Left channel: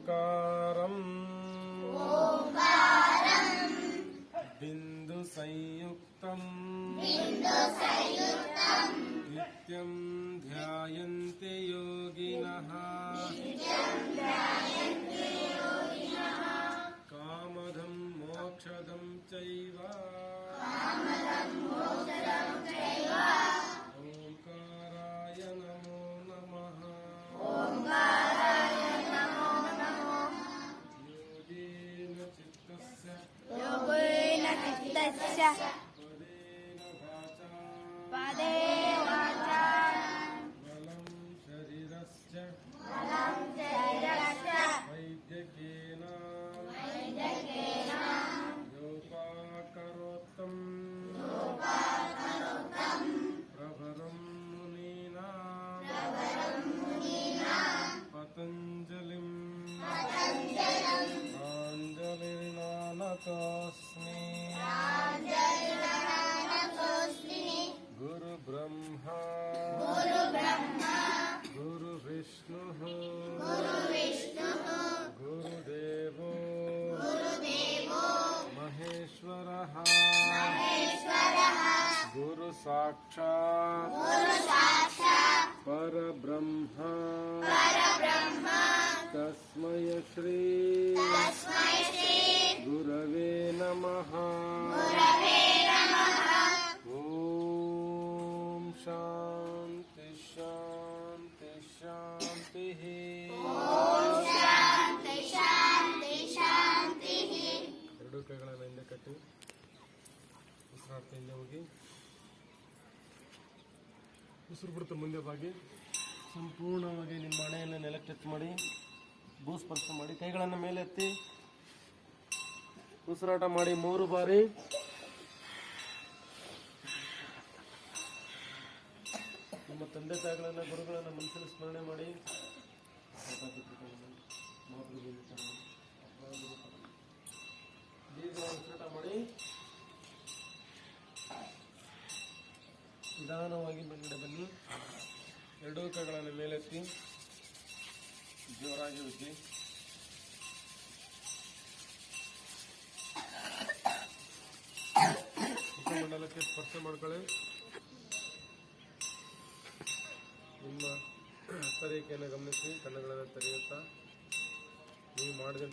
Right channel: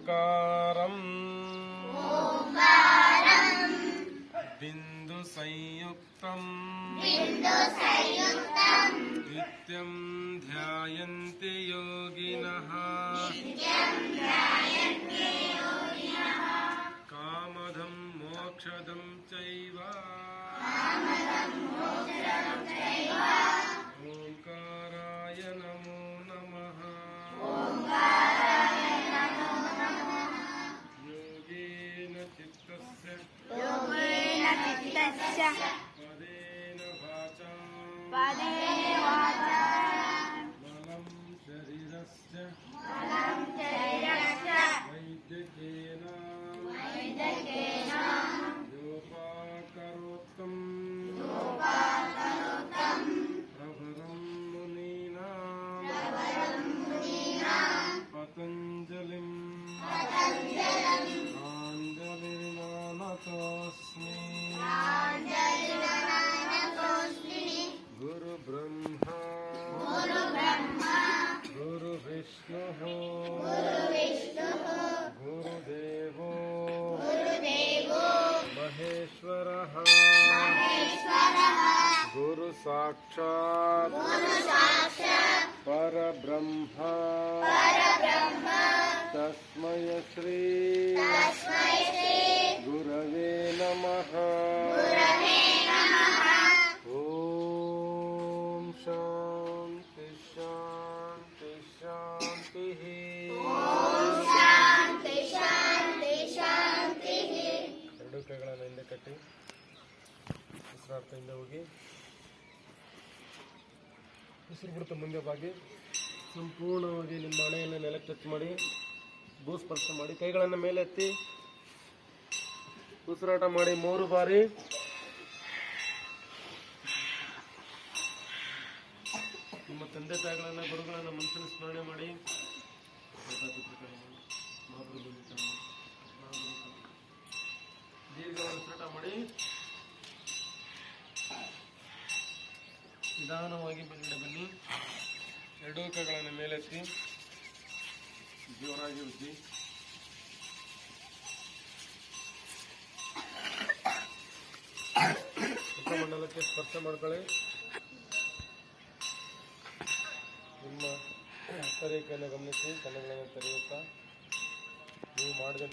ఓంకారం. బిందు సంయుక్తం. బిందు సంయుక్తం. पदेन वाचा पदे वाचा नलं शरीरस्य शरीरस्य वैद्यकेन वैद्यकेन योपाकरोक्तं प्रभरं मुनीना पतञ्जलिम् गुरुसाक्षात् गुरुसाक्षात् परब्रह्म परब्रह्म तस्मै श्री तस्मै श्री गुरवे नमः गुरवे नमः ॐ शान्ति शान्ति शान्तिः ಶಾಂತಿ ಶಾಂತಿ ಶಾಂತಿಃ ಎರಡು ಕೈಗಳನ್ನು ಹಿಂದೆ ಕಟ್ಟಿ ಉಸಿರಾಡ್ತಾ ಹೋಗಿ ಉಸಿರು ಬಿಡುತ್ತೆ ಮುಂದೆ ಬಾಗಿ. ಸಂಪೂರ್ಣವಾಗಿ ನಿಮ್ಮ ಹಣೆಯನ್ನು ನೆಲಕ್ಕೆ ಟಚ್ ಮಾಡಿ ಭೂಸ್ಪರ್ಶ ಮಾಡಿ, ಕೈಗಳನ್ನು ಮೇಲೆ ಎತ್ತಿ, ಉಸಿರಾಟ ಮಾಡಿ ಮೂರು ಬಾರಿ. ನಿಮ್ಮ ತಂದೆ ತಾಯಿಗಳನ್ನು, ಗುರುಗಳನ್ನು ಮನಸ್ಸನ್ನು ಸ್ಮರಣೆ ಮಾಡಿ. ಉಸಿರಾಟ ಮಾಡಿ. ನಿಧಾನವಾಗಿ ಬೆಂಡ ಬನ್ನಿ ಎರಡೂ ಕೈಗಳನ್ನು ಮೇಲೆತ್ತಿ. ಜೋರಾಗಿ ಉಜ್ಜಿ ಮಂಡಲಕ್ಕೆ ಸ್ಪರ್ಶ ಮಾಡ್ಕೊಳ್ಳಿ. ನಿಮ್ಮ ಹಸ್ತರೇಖೆಯನ್ನು ಗಮನಿಸಿ ಕಣ್ಣುಗಳನ್ನು ತೆರೆಯುತ್ತಾ. ನೀವು ಮಾಡಿದ